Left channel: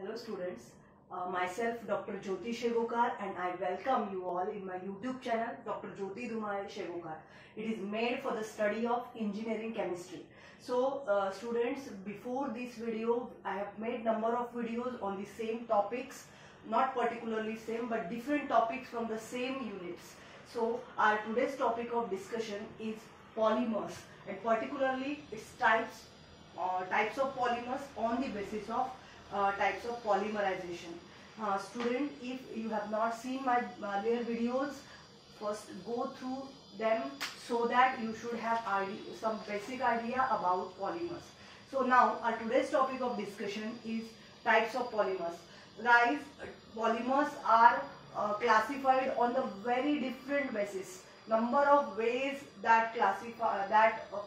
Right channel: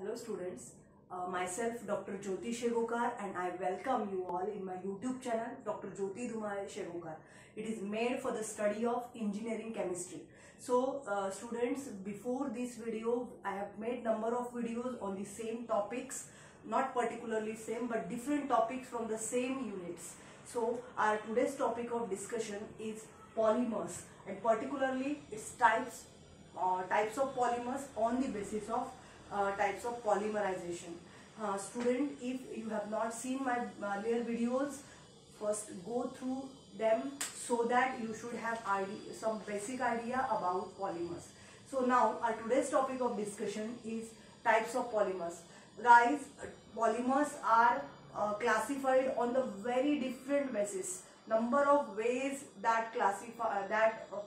Hello students, myself Dr. Jyoti Shegokar and I welcome you all in my YouTube channel Dr. Jyoti Dhumale Shegokar. It is made for the study of engineering chemistry. So students, before this video I have made number of videos on the same topics, not particularly same but different topics from the same units. So our today's topic of discussion is polymers and particularly its types of polymers on the basis of types of polymerization. Student, if you have not seen my earlier videos, first go through them so that you should have some basic idea about polymers. So now our today's topic of discussion is types of polymers. Guys, polymers are classified on the very different basis. Number of ways that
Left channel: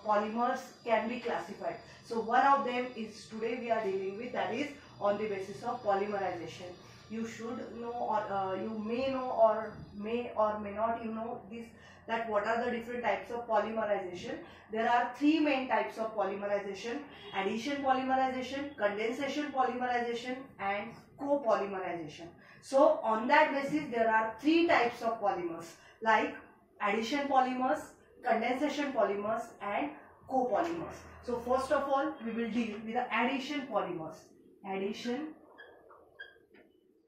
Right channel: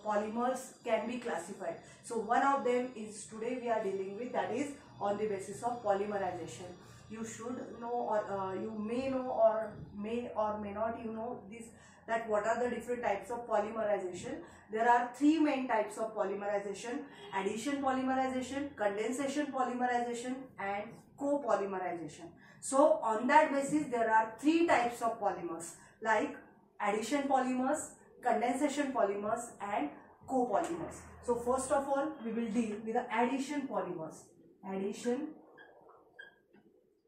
polymers can be classified. So one of them is today we are dealing with, that is on the basis of polymerization. You should know, or you may know, or may not you know this, that what are the different types of polymerization. There are three main types of polymerization: addition polymerization, condensation polymerization and copolymerization. So on that basis there are three types of polymers like addition polymers, condensation polymers and copolymers. So first of all we will deal with the addition polymers. Addition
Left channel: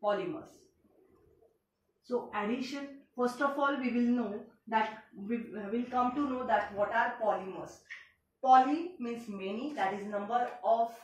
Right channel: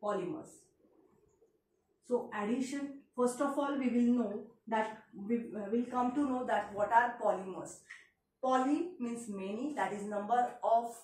polymers. So addition, first of all we will know that we will come to know that what are polymers. Poly means many, that is number of,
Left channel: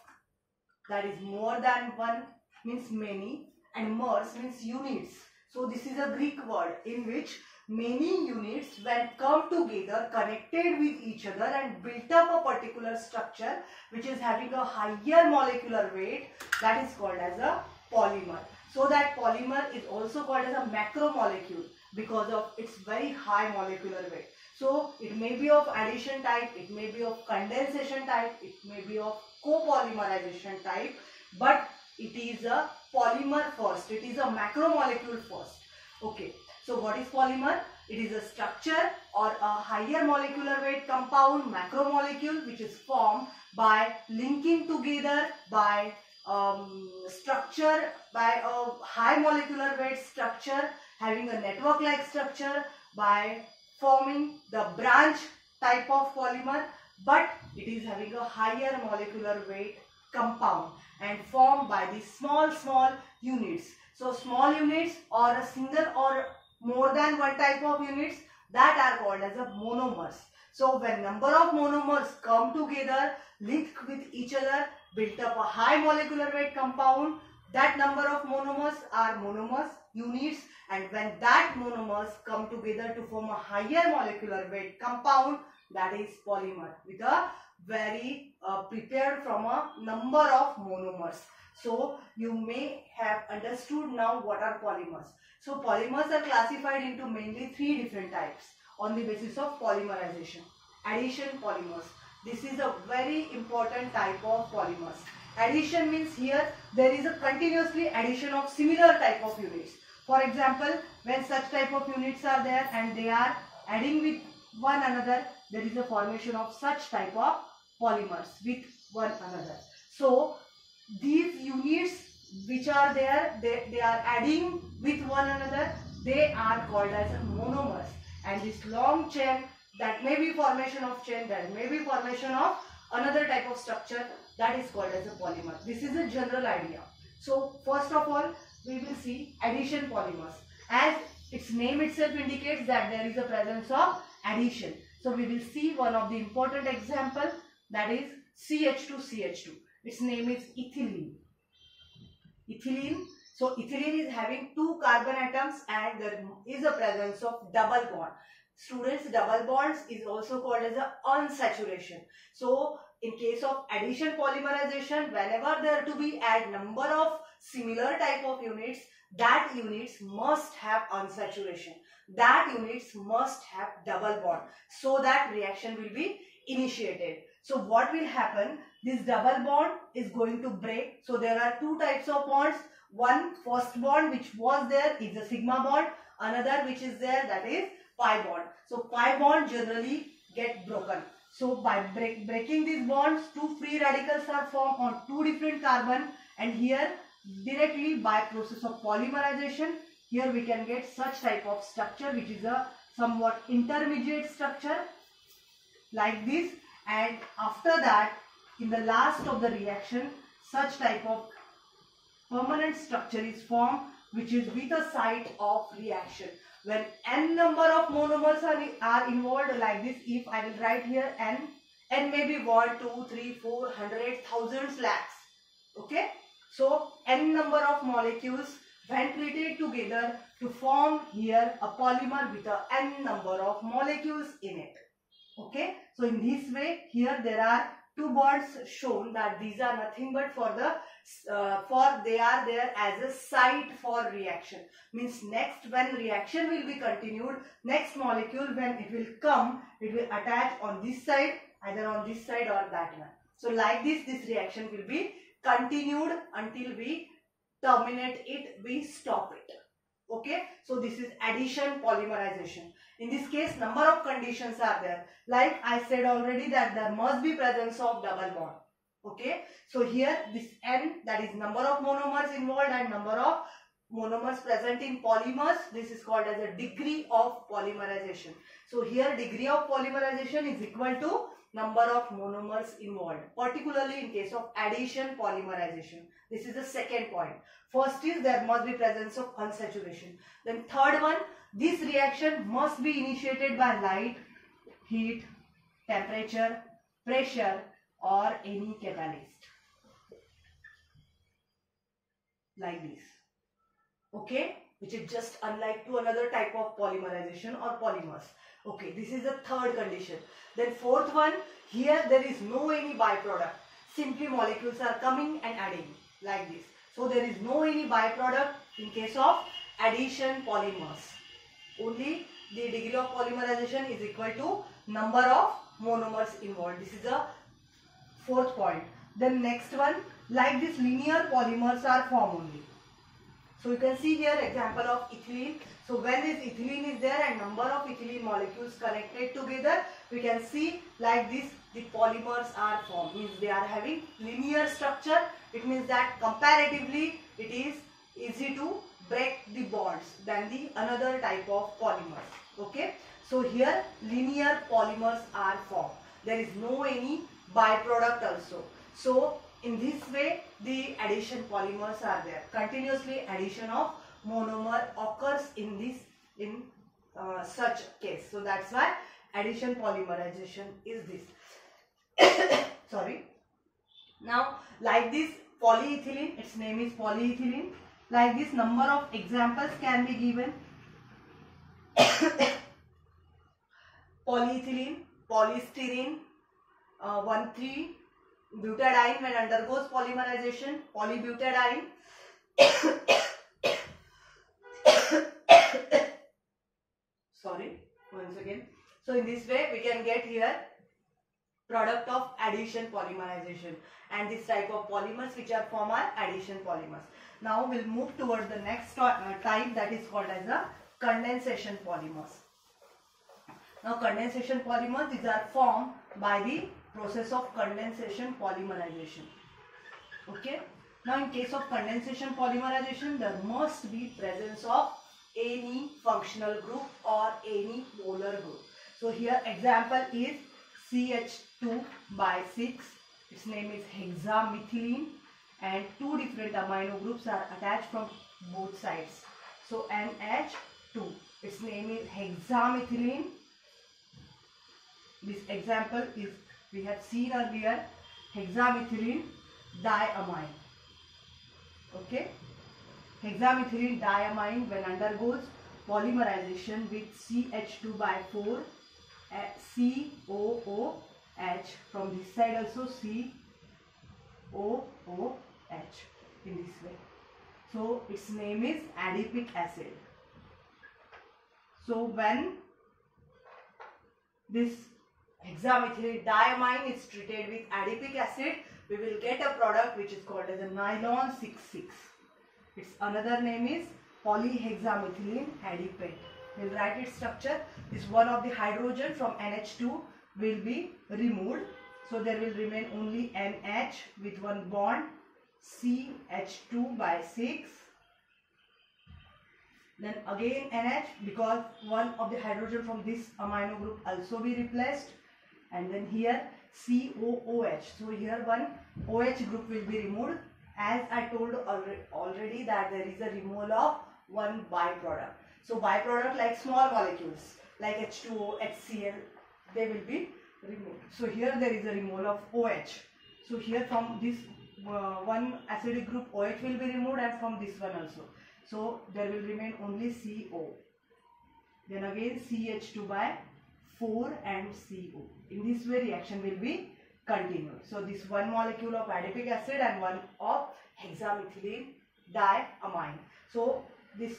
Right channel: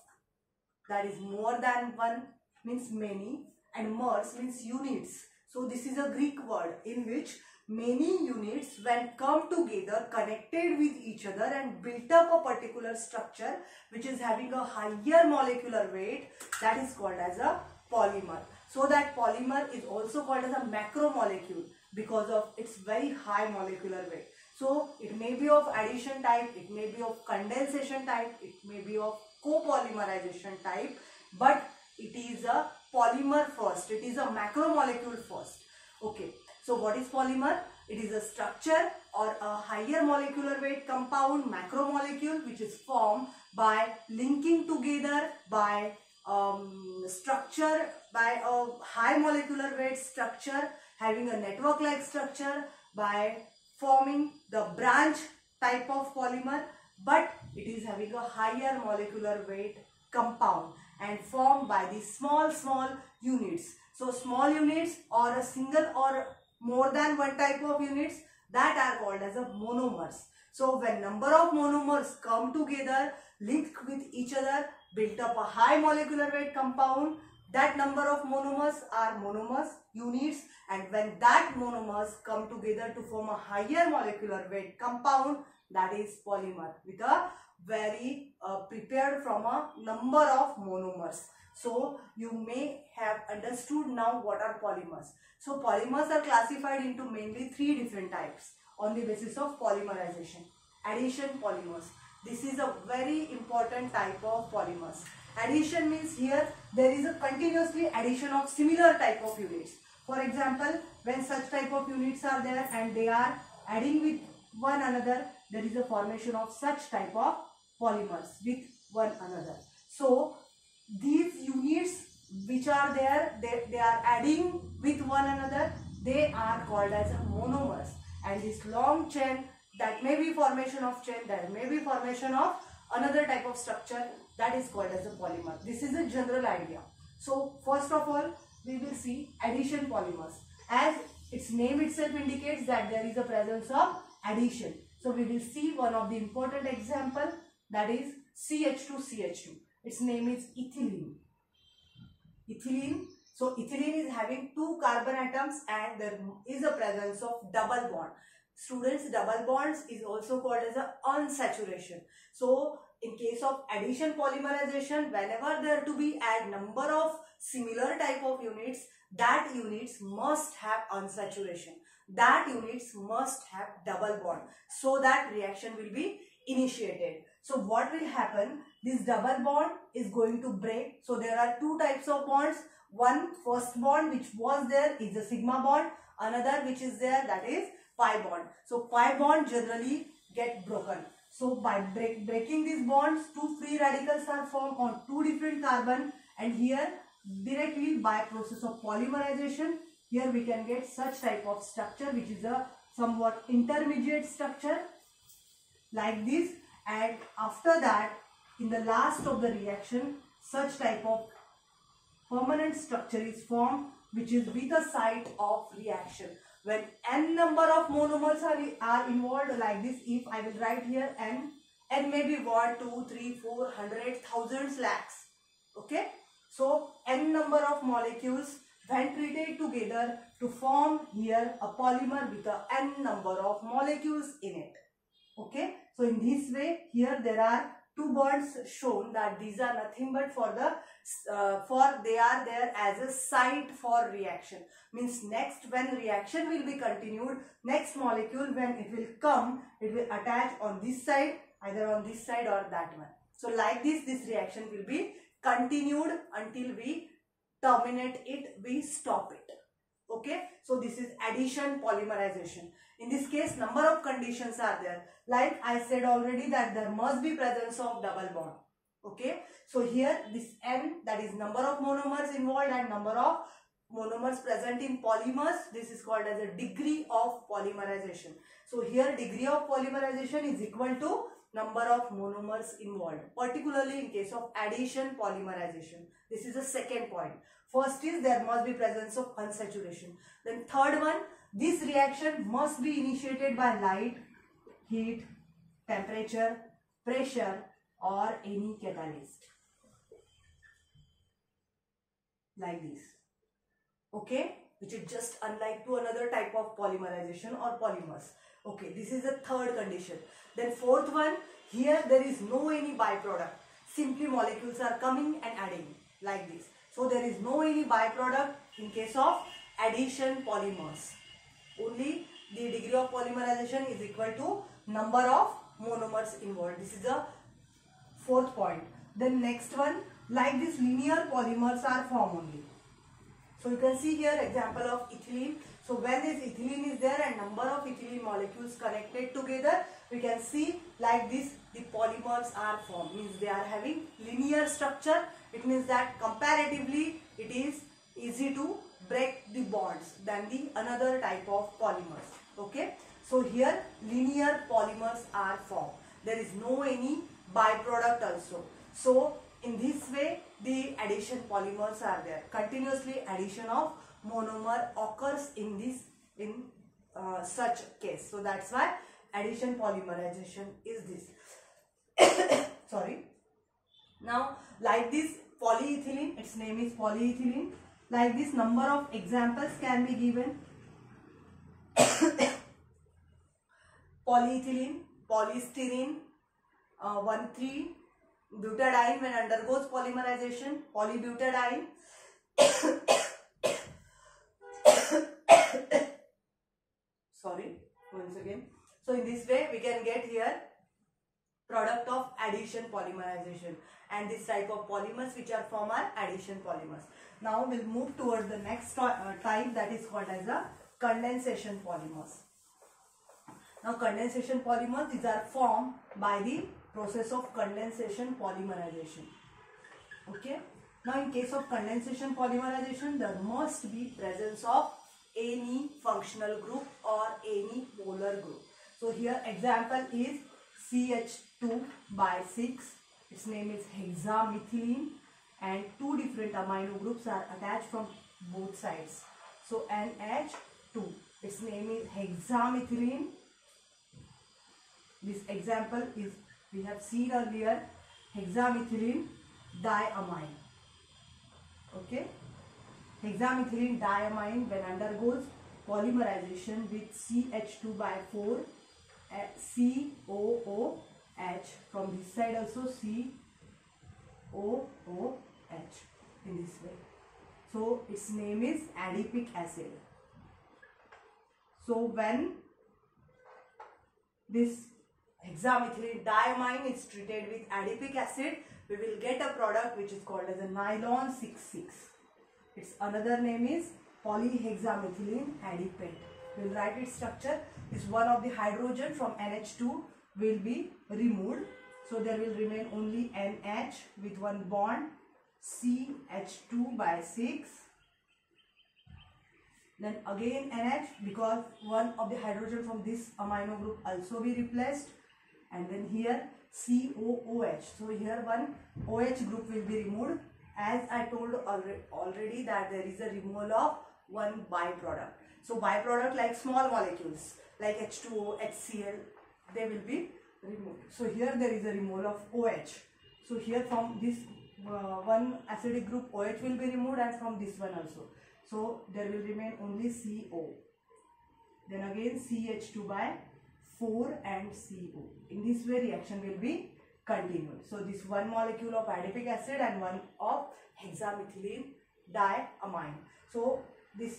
that is more than one, means many, and mers means units. So this is a Greek word in which many units when come together, connected with each other and built up a particular structure which is having a higher molecular weight, that is called as a polymer. So that polymer is also called as a macromolecule because of its very high molecular weight. So it may be of addition type, it may be of condensation type, it may be of copolymerization type, but it is a polymer first, it is a macromolecule first. Okay. So what is polymer? It is a structure or a higher molecular weight compound, macromolecule, which is formed by linking together by structure, by a high molecular weight structure having a network like structure, by forming the branch type of polymer, but it is having a higher molecular weight compound and formed by the small units. So small units or a single or more than one type of units, that are called as a monomers. So when number of monomers come together, link with each other, built up a high molecular weight compound, that number of monomers are monomers, units, and when that monomers come together to form a higher molecular weight compound, that is polymer with a very prepared from a number of monomers. So you may have understood now what are polymers. So polymers are classified into mainly three different types on the basis of polymerization. Addition polymers. This is a very important type of polymers. Addition means here there is a continuously addition of similar type of units. For example, when such type of units are there and they are adding with one another, there is a formation of such type of polymers with one another. So these units which are there, they are adding with one another, they are called as monomers. And this long chain, that may be formation of chain, that may be formation of another type of structure, that is called as a polymer. This is a general idea. So first of all we will see addition polymers. As its name itself indicates that there is a presence of addition. So we will see one of the important example, that is CH2CH2. Its name is ethylene. Ethylene. So ethylene is having two carbon atoms and there is a presence of double bond. Students, double bonds is also called as a unsaturation. So in case of addition polymerization, whenever there to be add number of similar type of units, that units must have unsaturation. That units must have double bond so that reaction will be initiated. So what will happen? This double bond is going to break. So there are two types of bonds. One, first bond which was there is a sigma bond. Another which is there, that is pi bond. So pi bond generally get broken. So by breaking these bonds, two free radicals are formed on two different carbon, and here directly by process of polymerization. Here we can get such type of structure which is a somewhat intermediate structure like this, and after that in the last of the reaction such type of permanent structure is formed which is with a site of reaction. When n number of monomers are involved like this, if I will write here n may be 1, 2, 3, 4, 100, thousands, lakhs. Okay, so n number of molecules when treated together to form here a polymer with a n number of molecules in it. Okay, so in this way here there are two bonds shown that these are nothing but for the they are there as a site for reaction. Means next when reaction will be continued, next molecule when it will come, it will attach on this side, either on this side or that one. So like this reaction will be continued until we terminate it, we stop it. Okay, so this is addition polymerization. In this case number of conditions are there. Like I said already that there must be presence of double bond. Okay, so here this n, that is number of monomers involved and number of monomers present in polymers, this is called as a degree of polymerization. So here degree of polymerization is equal to number of monomers involved, particularly in case of addition polymerization. This is the second point. First is there must be presence of unsaturation. Then third one, this reaction must be initiated by light, heat, temperature, pressure or any catalyst. Like this. Okay, which is just unlike to another type of polymerization or polymers. Okay, this is the third condition. Then fourth one, here there is no any byproduct. Simply molecules are coming and adding like this. So there is no any byproduct in case of addition polymers. Only the degree of polymerization is equal to number of monomers involved. This is the fourth point. Then next one, like this linear polymers are formed only. So you can see here example of ethylene. So when this ethylene is there and number of ethylene molecules connected together, we can see like this the polymers are formed. Means they are having linear structure. It means that comparatively it is easy to break the bonds than the another type of polymers. Okay. So here linear polymers are formed. There is no any byproduct also. So in this way the addition polymers are there. Continuously addition of monomer occurs in such case. So that's why addition polymerization is this. Sorry. Now like this polyethylene, its name is polyethylene. Like this number of examples can be given. Polyethylene, polystyrene, 1,3-butadiene when undergoes polymerization, polybutadiene. Sorry, once again. So in this way we can get here product of addition polymerization, and this type of polymers which are formed are addition polymers. Now we'll move towards the next type, that is called as a condensation polymers. Now condensation polymers, these are formed by the process of condensation polymerization. Okay. Now in case of condensation polymerization, there must be presence of any functional group or any polar group. So here example is CH2/6. Its name is hexamethylene, and two different amino groups are attached from both sides. So NH2. Its name is hexamethylene. This example is, we have seen earlier, hexamethylene diamine. Okay, hexamethylene diamine when undergoes polymerization with CH2/4 COOH, from this side also COOH in this way. So its name is adipic acid. So when this hexamethylene diamine is treated with adipic acid, we will get a product which is called as a nylon 6,6. Its another name is polyhexamethylene adipate. We will write its structure. This one of the hydrogen from NH2 will be removed. So there will remain only NH with one bond CH2 by 6. Then again NH, because one of the hydrogen from this amino group also be replaced. And then here COOH. So here one OH group will be removed. As I told already that there is a removal of one byproduct. So byproduct like small molecules like H2O, HCl, they will be removed. So here there is a removal of OH. So here from this one acidic group OH will be removed, and from this one also. So there will remain only CO. Then again CH2 by 4 and CO. In this way reaction will be continued. So this one molecule of adipic acid and one of hexamethylene diamine. So this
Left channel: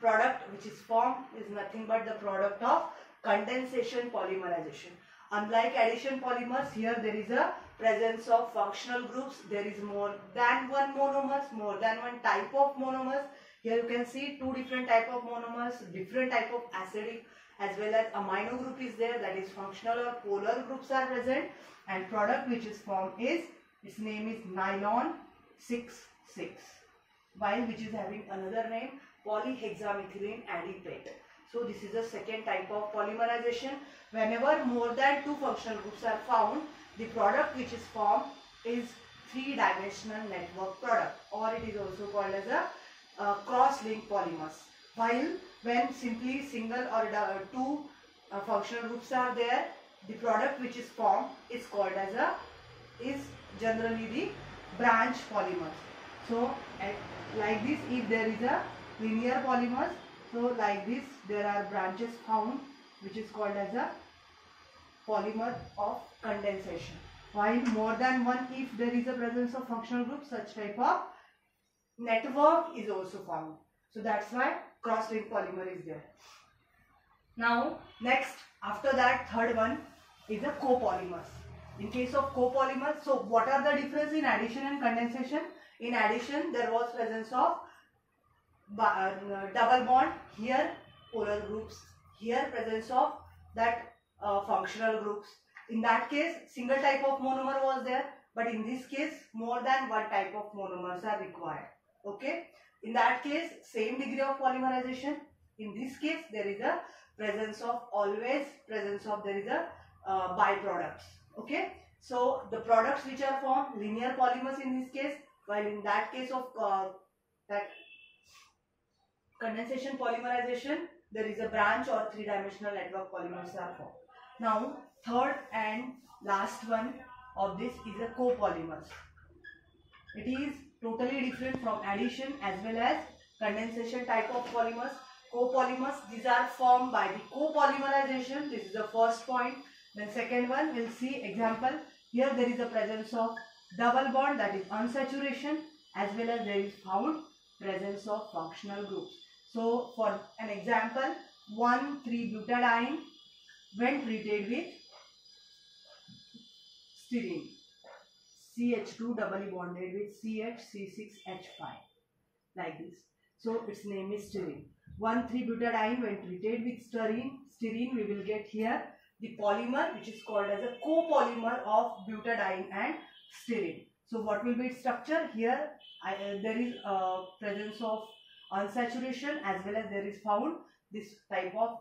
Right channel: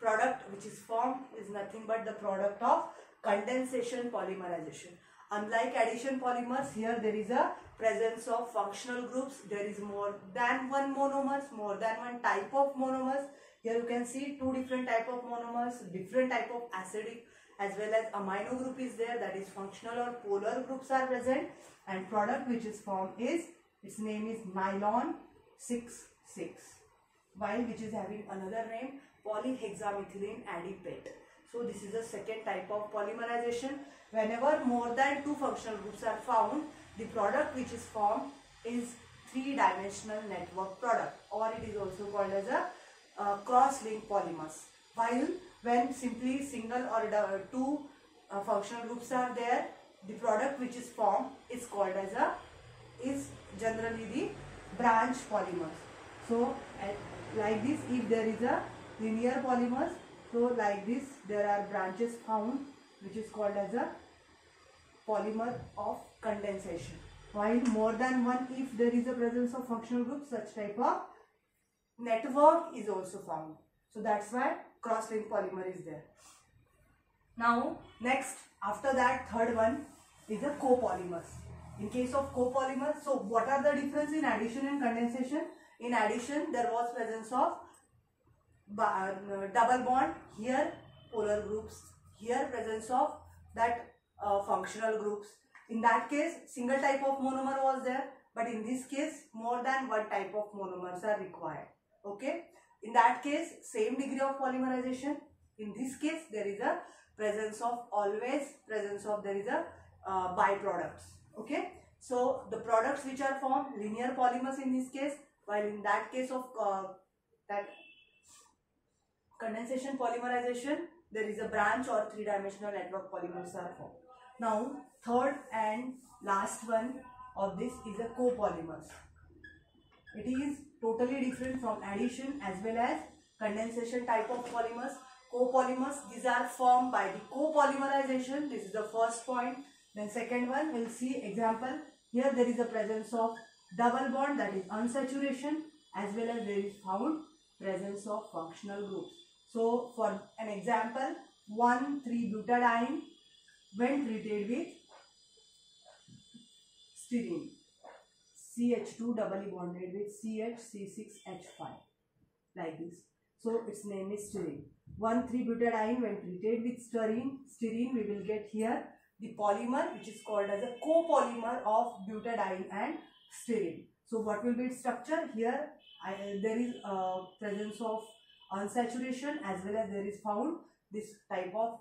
product which is formed is nothing but the product of condensation polymerization. Unlike addition polymers, here there is a presence of functional groups. There is more than one monomers, more than one type of monomers. Here you can see two different type of monomers, different type of acidic as well as amino group is there, that is functional or polar groups are present, and product which is formed is, its name is nylon 6,6, while which is having another name polyhexamethylene adipate. So this is the second type of polymerization. Whenever more than two functional groups are found, the product which is formed is three-dimensional network product, or it is also called as a cross-linked polymers. While when simply single or two functional groups are there, the product which is formed is called as is generally the branch polymers. So like this, if there is a linear polymers, so like this there are branches found which is called as a polymer of condensation. While more than one, if there is a presence of functional group, such type of network is also found. So that's why cross-linked polymer is there. Now next, after that, third one is a copolymers. In case of copolymers, so what are the difference in addition and condensation? In addition, there was presence of double bond, here polar groups, here presence of that functional groups. In that case, single type of monomer was there, but in this case more than one type of monomers are required. Okay, in that case same degree of polymerization. In this case there is a presence of there is a byproducts. Okay, so the products which are formed, linear polymers in this case, while in that case of that condensation polymerization, there is a branch or three-dimensional network polymers are formed. Now third and last one of this is a copolymers. It is totally different from addition as well as condensation type of polymers. Copolymers, these are formed by the copolymerization. This is the first point. Then second one, we'll see example. Here there is a presence of double bond, that is unsaturation, as well as there is found presence of functional groups. So for an example, 1,3-butadiene when treated with styrene, CH2 doubly bonded with CH6H5 like this. So its name is styrene. 1,3-butadiene when treated with styrene, we will get here the polymer which is called as a copolymer of butadiene and styrene. So what will be its structure? Here there is a presence of unsaturation as well as there is found this type of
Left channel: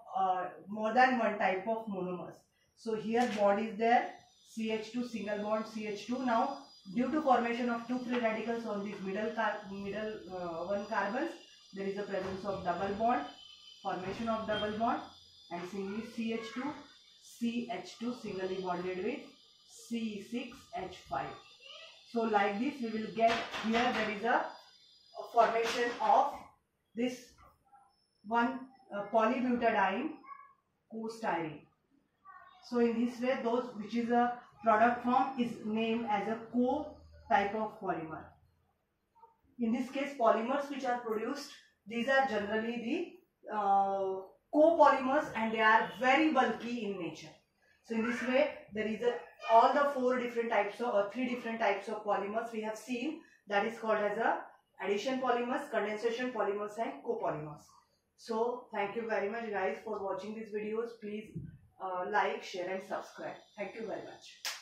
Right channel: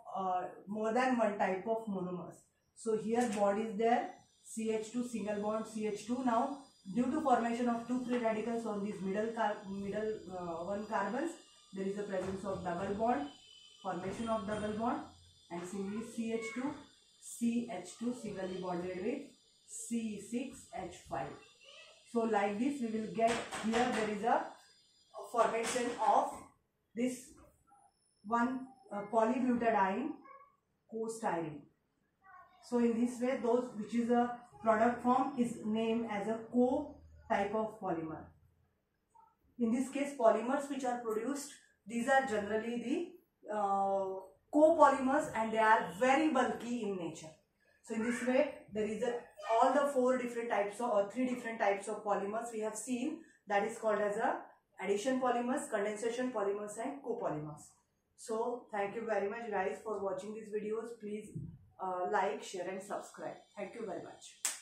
more than one type of monomers. So here bond is there, CH2 single bond CH2. Now due to formation of two free radicals on these middle one carbons, there is a presence of double bond, formation of double bond, and singly CH2 CH2 singly bonded with C6H5. So like this we will get here there is a formation of this one polybutadiene co-styrene. So in this way, those which is a product form is named as a co-type of polymer. In this case, polymers which are produced, these are generally the copolymers, and they are very bulky in nature. So in this way, there is all the four different types of or three different types of polymers we have seen, that is called as a addition polymers, condensation polymers, and copolymers. So thank you very much guys for watching these videos. Please like, share and subscribe. Thank you very much.